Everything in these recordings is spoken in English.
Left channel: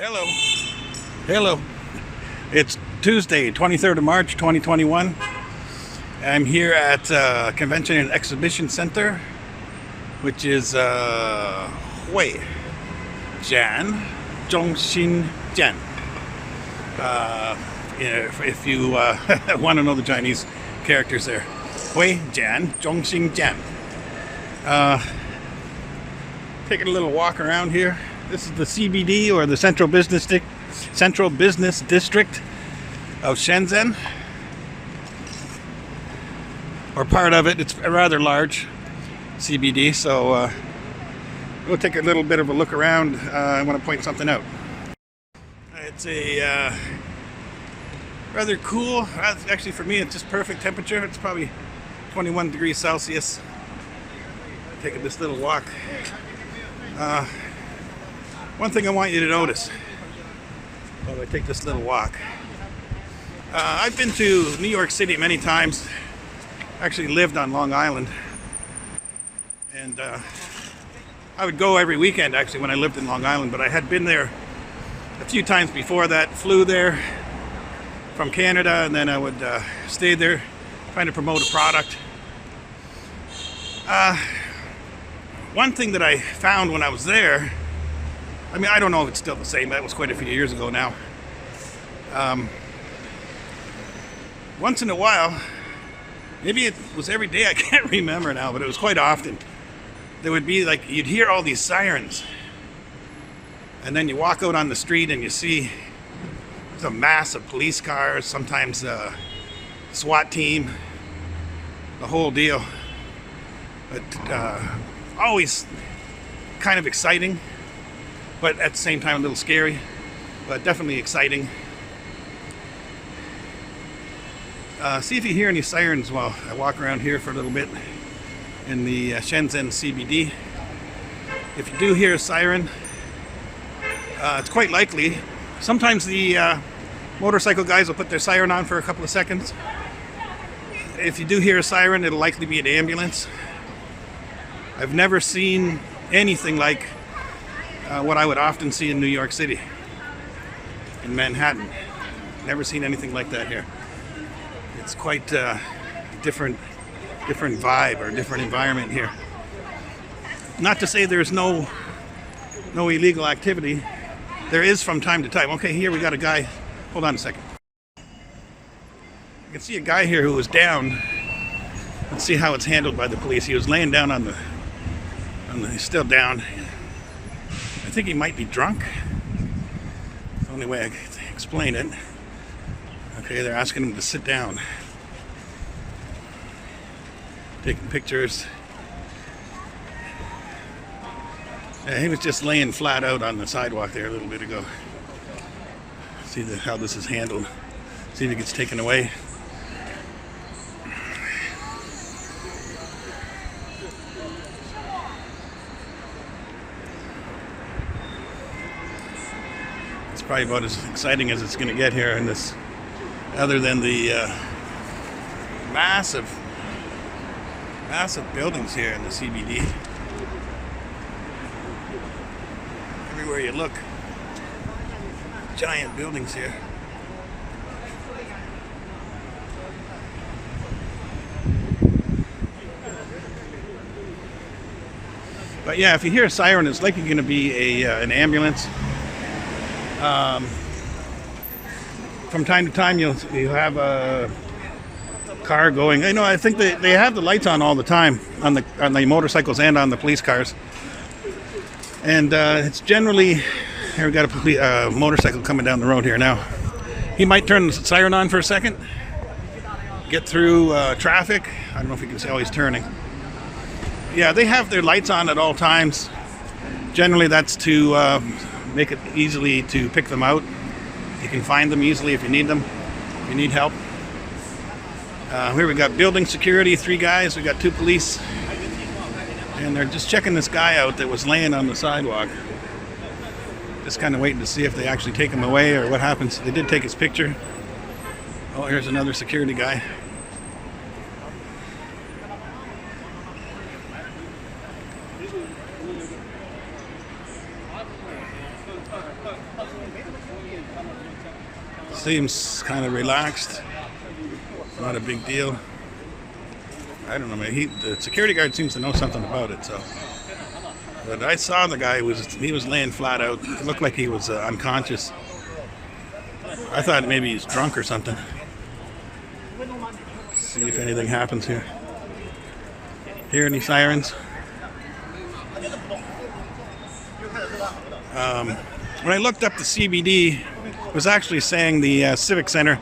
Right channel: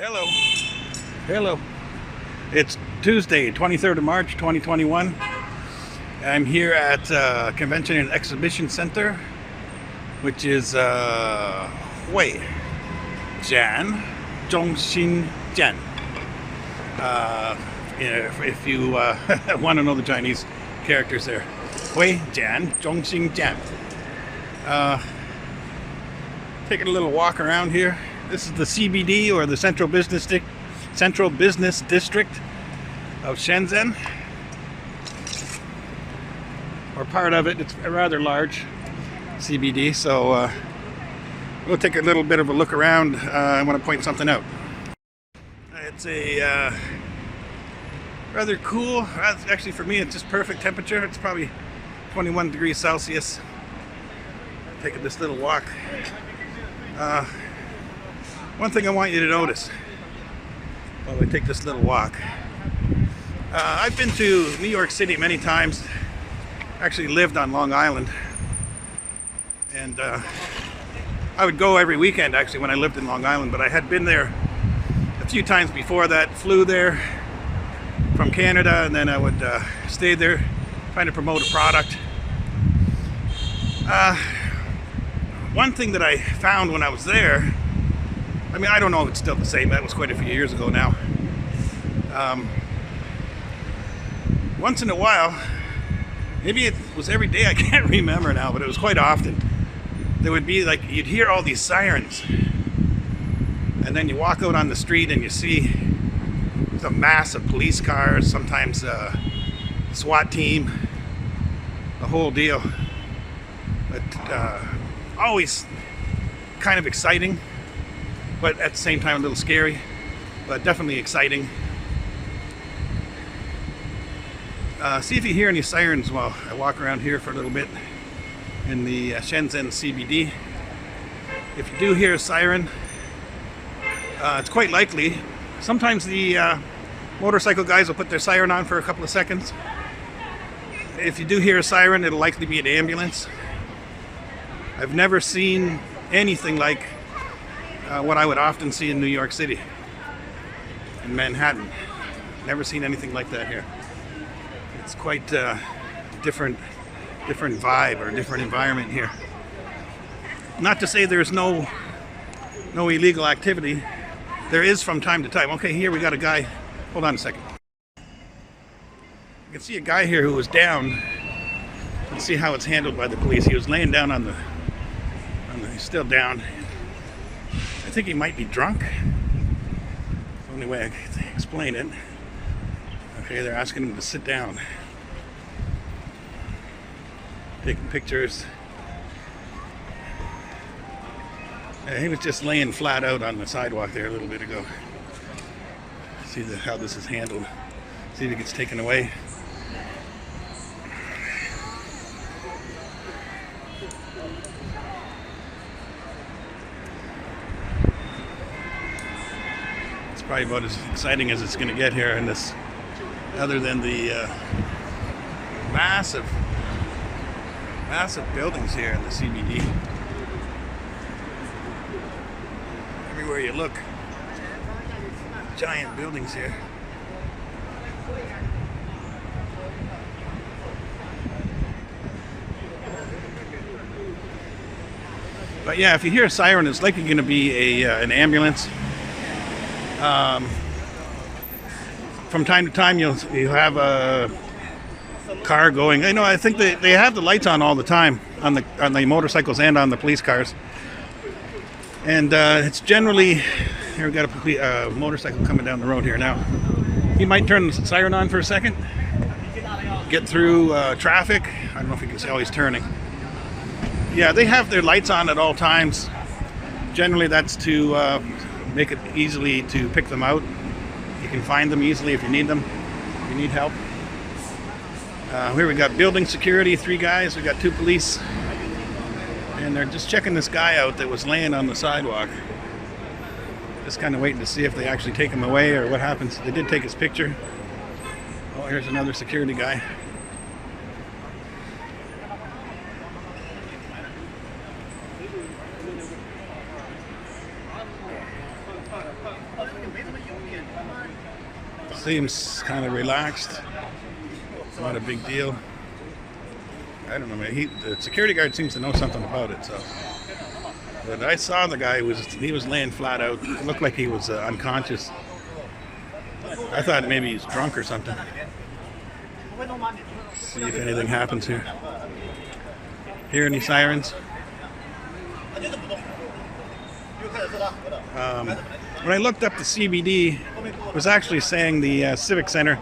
Hello. Hello. It's Tuesday, 23rd of March, 2021. I'm here at Convention and Exhibition Center, which is Hui Jian Zhongxin Jian. If you want to know the Chinese characters there. Hui Jian Zhongxin Jian. Taking a little walk around here. This is the CBD, or the Central Business District of Shenzhen, or part of it. It's a rather large CBD, so we'll take a little bit of a look around. I want to point something out. It's a rather cool, actually for me it's just perfect temperature. It's probably 21 degrees Celsius. Taking this little walk. One thing I want you to notice while I take this little walk. I've been to New York City many times. Actually lived on Long Island. And I would go every weekend actually when I lived in Long Island, but I had been there a few times before that. Flew there from Canada, and then I would stay there trying to promote a product. One thing that I found when I was there, I mean, I don't know if it's still the same. That was quite a few years ago now. Once in a while, maybe it was every day, I can't remember now, but it was quite often. There would be like, you'd hear all these sirens. And then you walk out on the street and you see the mass of police cars, sometimes SWAT team, the whole deal. But always kind of exciting, but at the same time a little scary, but definitely exciting. See if you hear any sirens while I walk around here for a little bit in the Shenzhen CBD. If you do hear a siren, it's quite likely. Sometimes the motorcycle guys will put their siren on for a couple of seconds. If you do hear a siren, it'll likely be an ambulance. I've never seen anything like what I would often see in New York City, in Manhattan. Never seen anything like that here. It's quite a different vibe, or different environment here. Not to say there's no illegal activity. There is from time to time. Okay, here we got a guy. Hold on a second. You can see a guy here who was down. Let's see how it's handled by the police. He was laying down on the he's still down. I think he might be drunk. It's the only way I can explain it. Okay, they're asking him to sit down. Taking pictures. Yeah, he was just laying flat out on the sidewalk there a little bit ago. See how this is handled. See if it gets taken away. Probably about as exciting as it's going to get here in this, other than the massive buildings here in the CBD. Everywhere you look, giant buildings here. But yeah, if you hear a siren, it's likely going to be an ambulance. From time to time you'll have a car going. I think they have the lights on all the time on the motorcycles and on the police cars. And it's generally, here we got a motorcycle coming down the road here now. He might turn the siren on for a second, get through traffic. I don't know if you can see how he's turning. Yeah, they have their lights on at all times. Generally that's to make it easily to pick them out. You can find them easily if you need them, if you need help. Here we got building security, 3 guys. We got 2 police, and they're just checking this guy out that was laying on the sidewalk. Just kind of waiting to see if they actually take him away or what happens. They did take his picture. Oh, here's another security guy. Seems kind of relaxed. Not a big deal. I don't know, man. The security guard seems to know something about it. So, but I saw the guy he was laying flat out. It looked like he was unconscious. I thought maybe he's drunk or something. See if anything happens here. Hear any sirens? When I looked up the CBD, it was actually saying the Civic Center.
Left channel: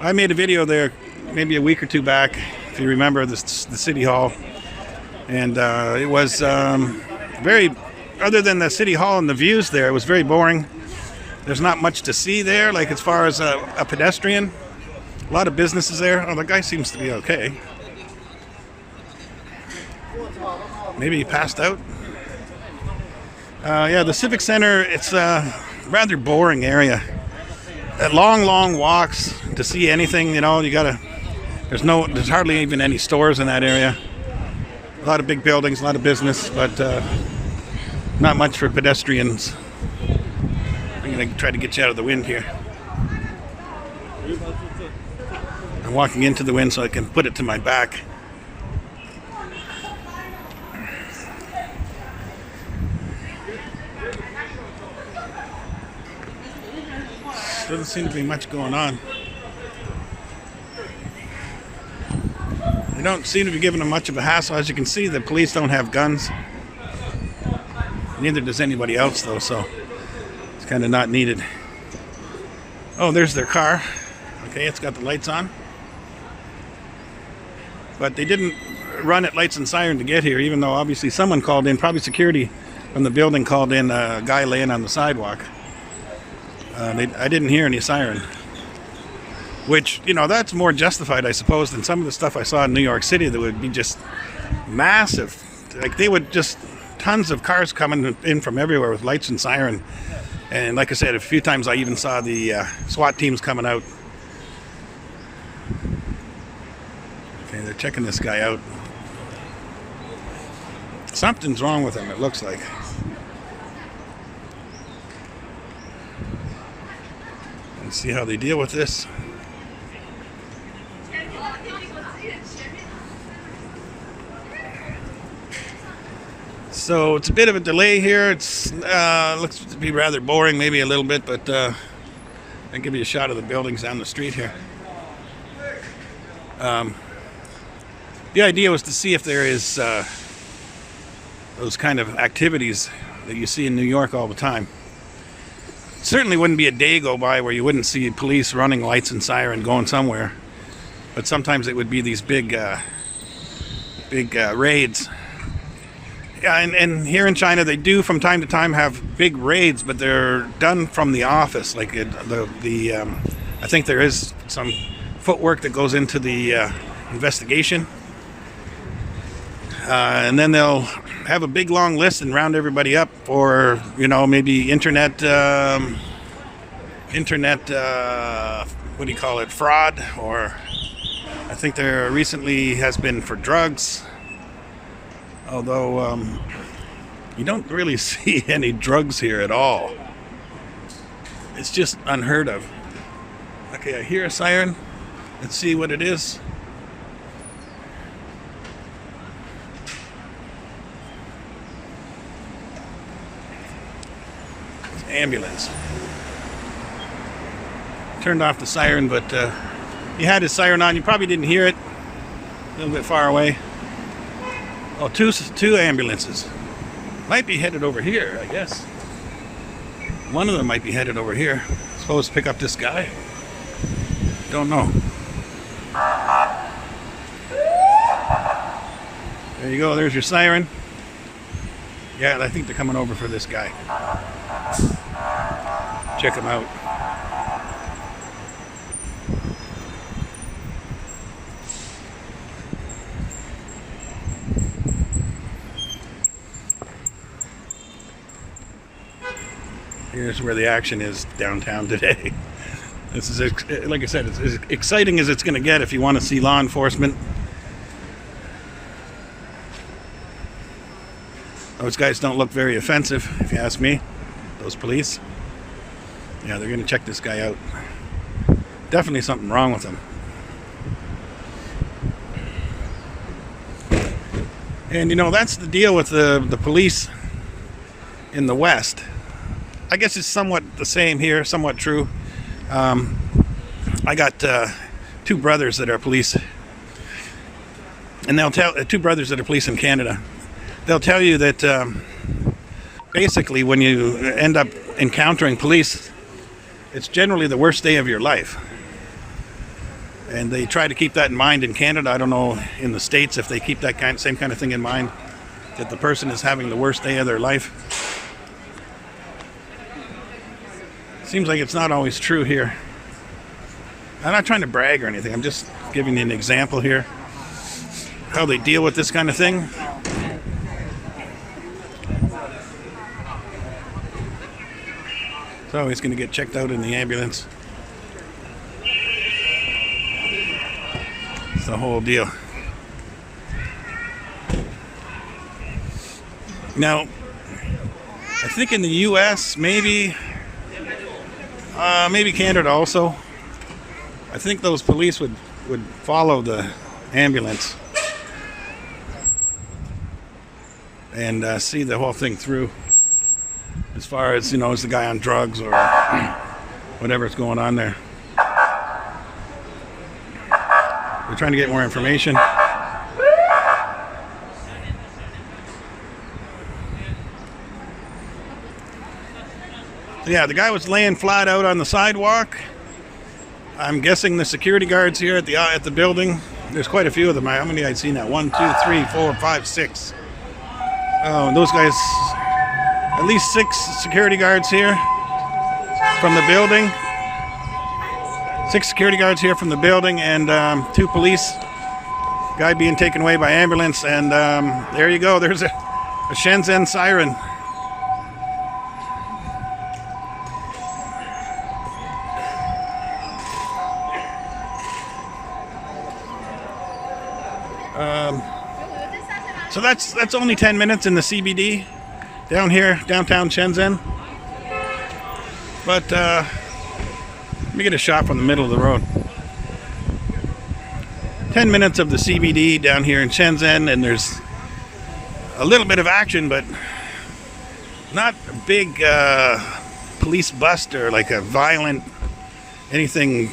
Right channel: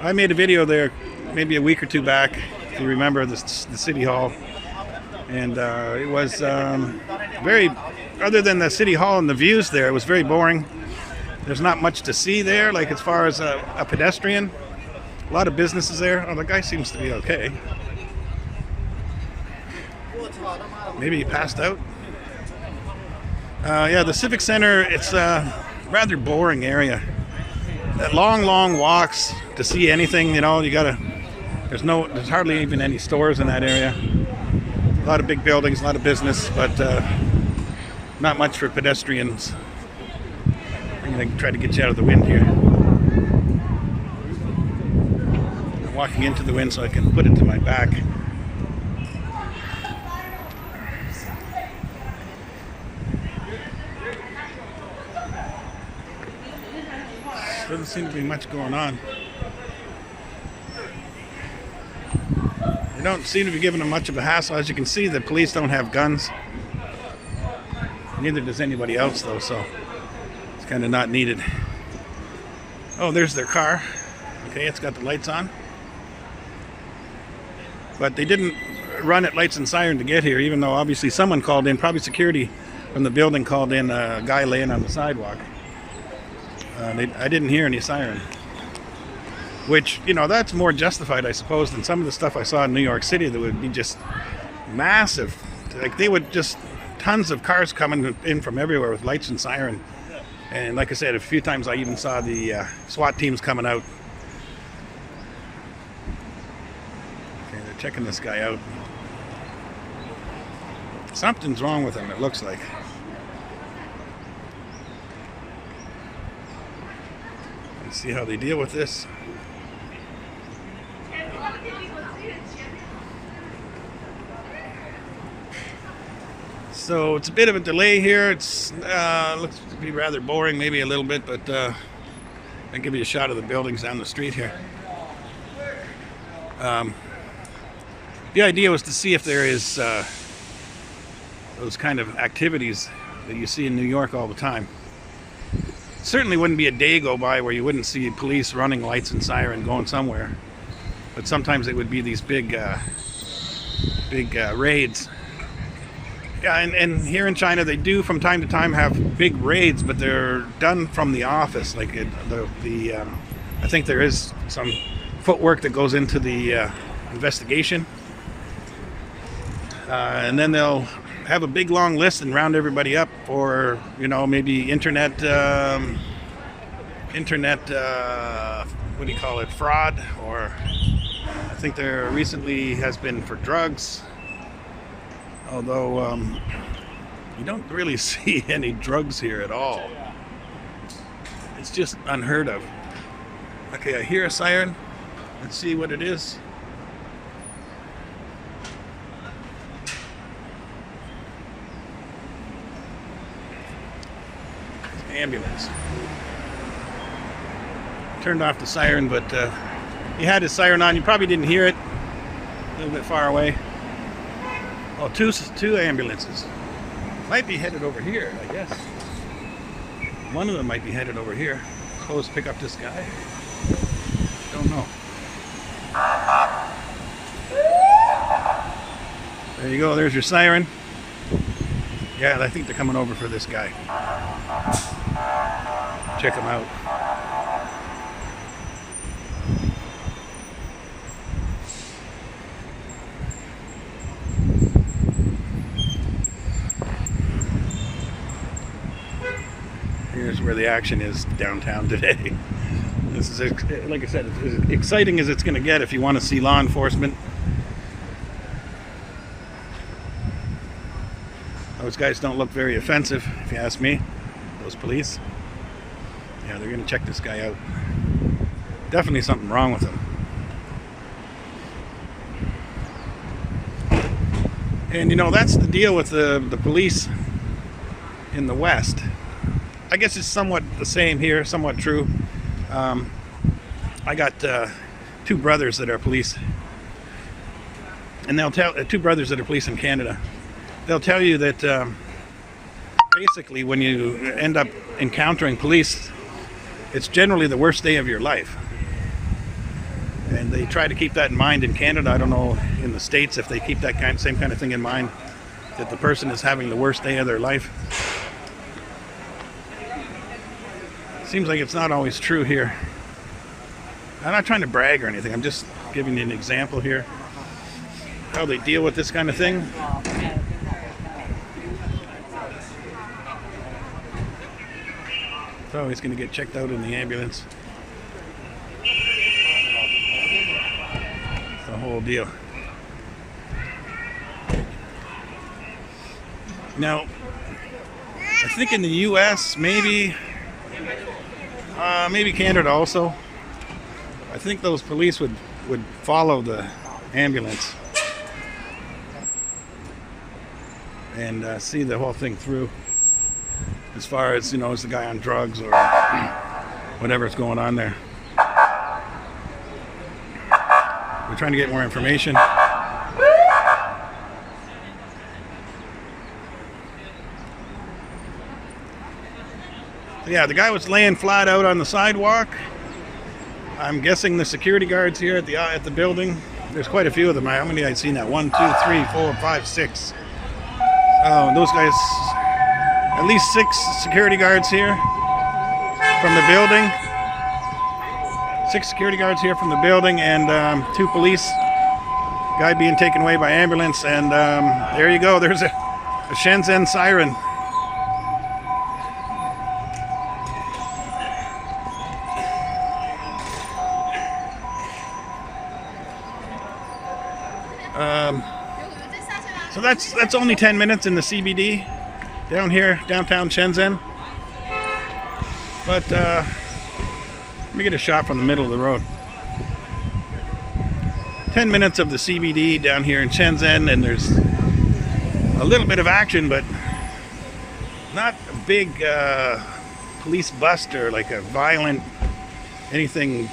I made a video there maybe a week or two back, if you remember, the City Hall. And it was very, other than the City Hall and the views there, it was very boring. There's not much to see there, like as far as a pedestrian. A lot of businesses there. Oh, the guy seems to be okay. Maybe he passed out. Yeah, the Civic Center, it's a rather boring area. Long walks to see anything, you know, there's hardly even any stores in that area. A lot of big buildings, a lot of business, but not much for pedestrians. I'm going to try to get you out of the wind here. I'm walking into the wind so I can put it to my back. Doesn't seem to be much going on. They don't seem to be giving them much of a hassle. As you can see, the police don't have guns. Neither does anybody else, though, so it's kind of not needed. Oh, there's their car. Okay, it's got the lights on. But they didn't run at lights and siren to get here, even though obviously someone called in, probably security from the building called in a guy laying on the sidewalk. I didn't hear any siren, which, you know, that's more justified, I suppose, than some of the stuff I saw in New York City that would be just massive. Like, they would just, tons of cars coming in from everywhere with lights and siren. And like I said, a few times I even saw the SWAT teams coming out. Okay, they're checking this guy out. Something's wrong with him, it looks like. Let's see how they deal with this. So it's a bit of a delay here. It's looks to be rather boring, maybe a little bit, but I'll give you a shot of the buildings down the street here. The idea was to see if there is those kind of activities that you see in New York all the time. Certainly wouldn't be a day go by where you wouldn't see police running lights and siren going somewhere, but sometimes it would be these big raids. Yeah, and here in China they do from time to time have big raids, but they're done from the office. Like I think there is some footwork that goes into the investigation, and then they'll have a big long list and round everybody up for, you know, maybe internet what do you call it, fraud, or I think there recently has been for drugs, although you don't really see any drugs here at all. It's just unheard of. Okay, I hear a siren. Let's see what it is. Ambulance. Turned off the siren, but he had his siren on. You probably didn't hear it. A little bit far away. Oh, two ambulances. Might be headed over here, I guess. One of them might be headed over here. Supposed to pick up this guy. Don't know. There you go. There's your siren. Yeah, I think they're coming over for this guy. Check him out. Here's where the action is downtown today. This is, like I said, it's as exciting as it's going to get if you want to see law enforcement. Those guys don't look very offensive, if you ask me. Those police. Yeah, they're going to check this guy out. Definitely something wrong with him. And you know, that's the deal with the police in the West. I guess it's somewhat the same here, somewhat true. I got two brothers that are police, and they'll tell two brothers that are police in Canada. They'll tell you that basically when you end up encountering police, it's generally the worst day of your life. And they try to keep that in mind in Canada. I don't know in the States if they keep that same kind of thing in mind, that the person is having the worst day of their life. Seems like it's not always true here. I'm not trying to brag or anything. I'm just giving you an example here, how they deal with this kind of thing. So he's going to get checked out in the ambulance. It's the whole deal. Now, I think in the U.S., maybe Canada also, I think those police would follow the ambulance and see the whole thing through. As far as, you know, is the guy on drugs or whatever's going on there. They're trying to get more information. Yeah, the guy was laying flat out on the sidewalk. I'm guessing the security guards here at the building, there's quite a few of them. How many I'd seen that? 1, 2, 3, 4, 5, 6. Oh, those guys, at least 6 security guards here from the building. 6 security guards here from the building, and 2 police. Guy being taken away by ambulance, and there you go. There's a Shenzhen Siren. So that's only 10 minutes in the CBD down here, downtown Shenzhen. But let me get a shot from the middle of the road. 10 minutes of the CBD down here in Shenzhen, and there's a little bit of action, but not a big police bust or like a violent, anything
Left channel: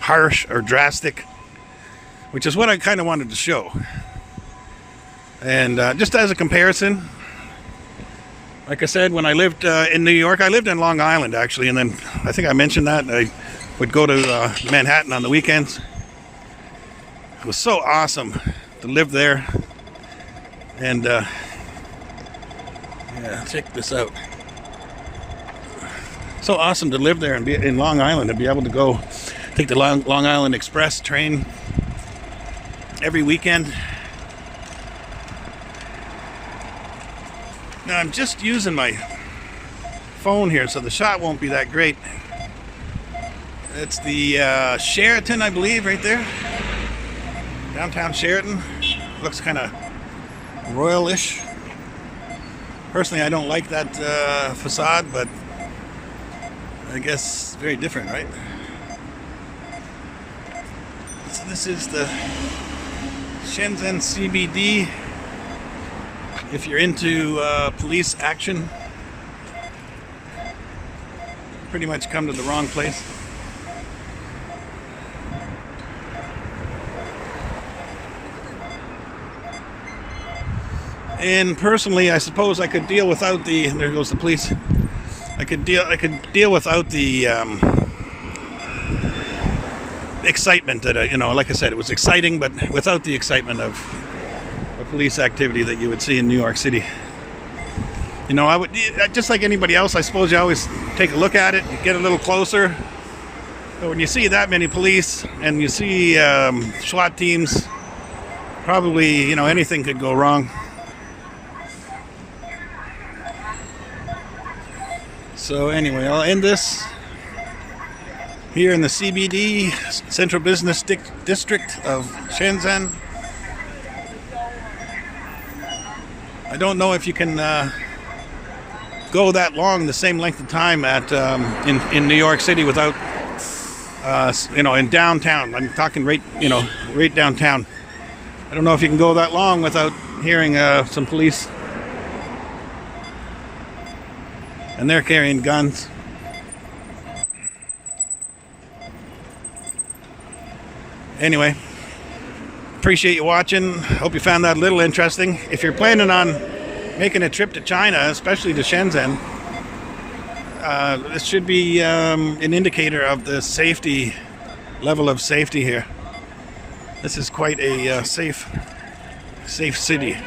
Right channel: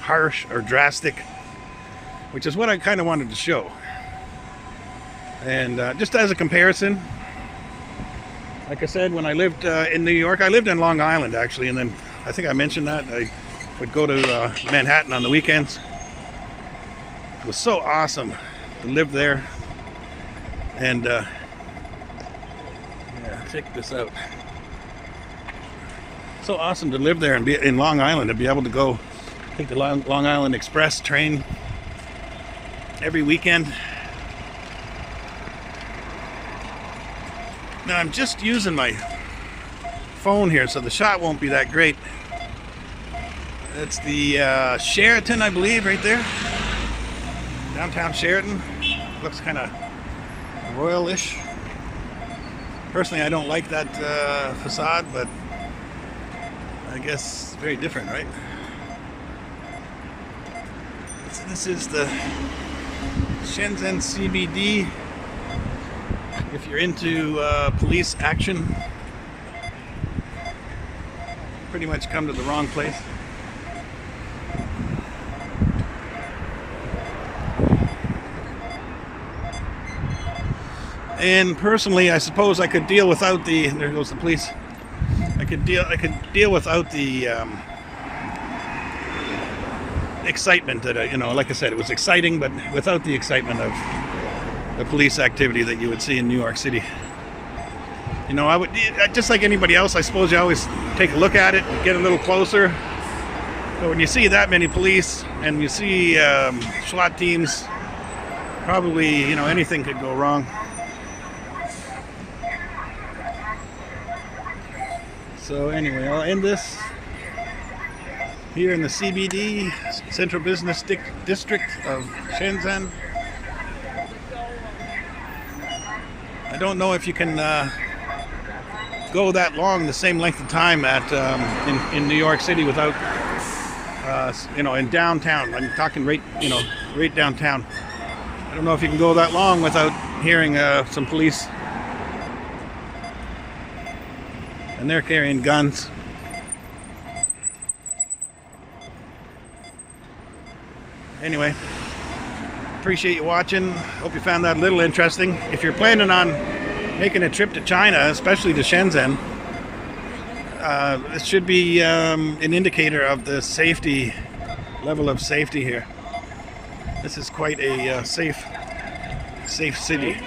harsh or drastic, which is what I kind of wanted to show. And just as a comparison, like I said, when I lived in New York, I lived in Long Island actually, and then I think I mentioned that I would go to Manhattan on the weekends. It was so awesome to live there. And yeah, check this out. So awesome to live there and be in Long Island and be able to go take the Long Island Express train every weekend. Now I'm just using my phone here, so the shot won't be that great. It's the Sheraton, I believe, right there. Downtown Sheraton. Looks kind of royal-ish. Personally, I don't like that facade, but I guess very different, right? So this is the Shenzhen CBD. If you're into police action, pretty much come to the wrong place. And personally, I suppose I could deal without the. There goes the police. I could deal without the excitement that you know. Like I said, it was exciting, but without the excitement of the police activity that you would see in New York City. You know, I would, just like anybody else, I suppose you always take a look at it, get a little closer. But when you see that many police and you see SWAT teams, probably, you know, anything could go wrong. So anyway, I'll end this here in the CBD, Central Business District of Shenzhen. I don't know if you can go that long, the same length of time at in New York City without in downtown. I'm talking right downtown. I don't know if you can go that long without hearing some police. And they're carrying guns. Anyway, appreciate you watching. Hope you found that a little interesting. If you're planning on making a trip to China, especially to Shenzhen, this should be an indicator of the level of safety here. This is quite a safe city.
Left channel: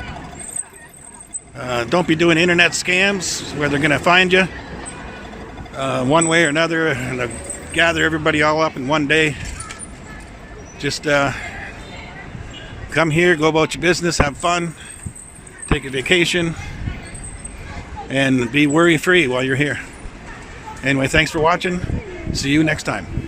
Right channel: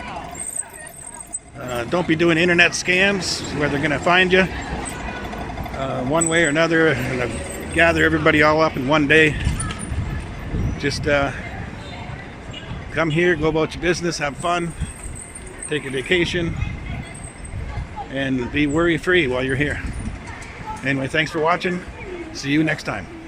Don't be doing internet scams where they're going to find you one way or another and gather everybody all up in one day. Just come here, go about your business, have fun, take a vacation, and be worry-free while you're here. Anyway, thanks for watching. See you next time.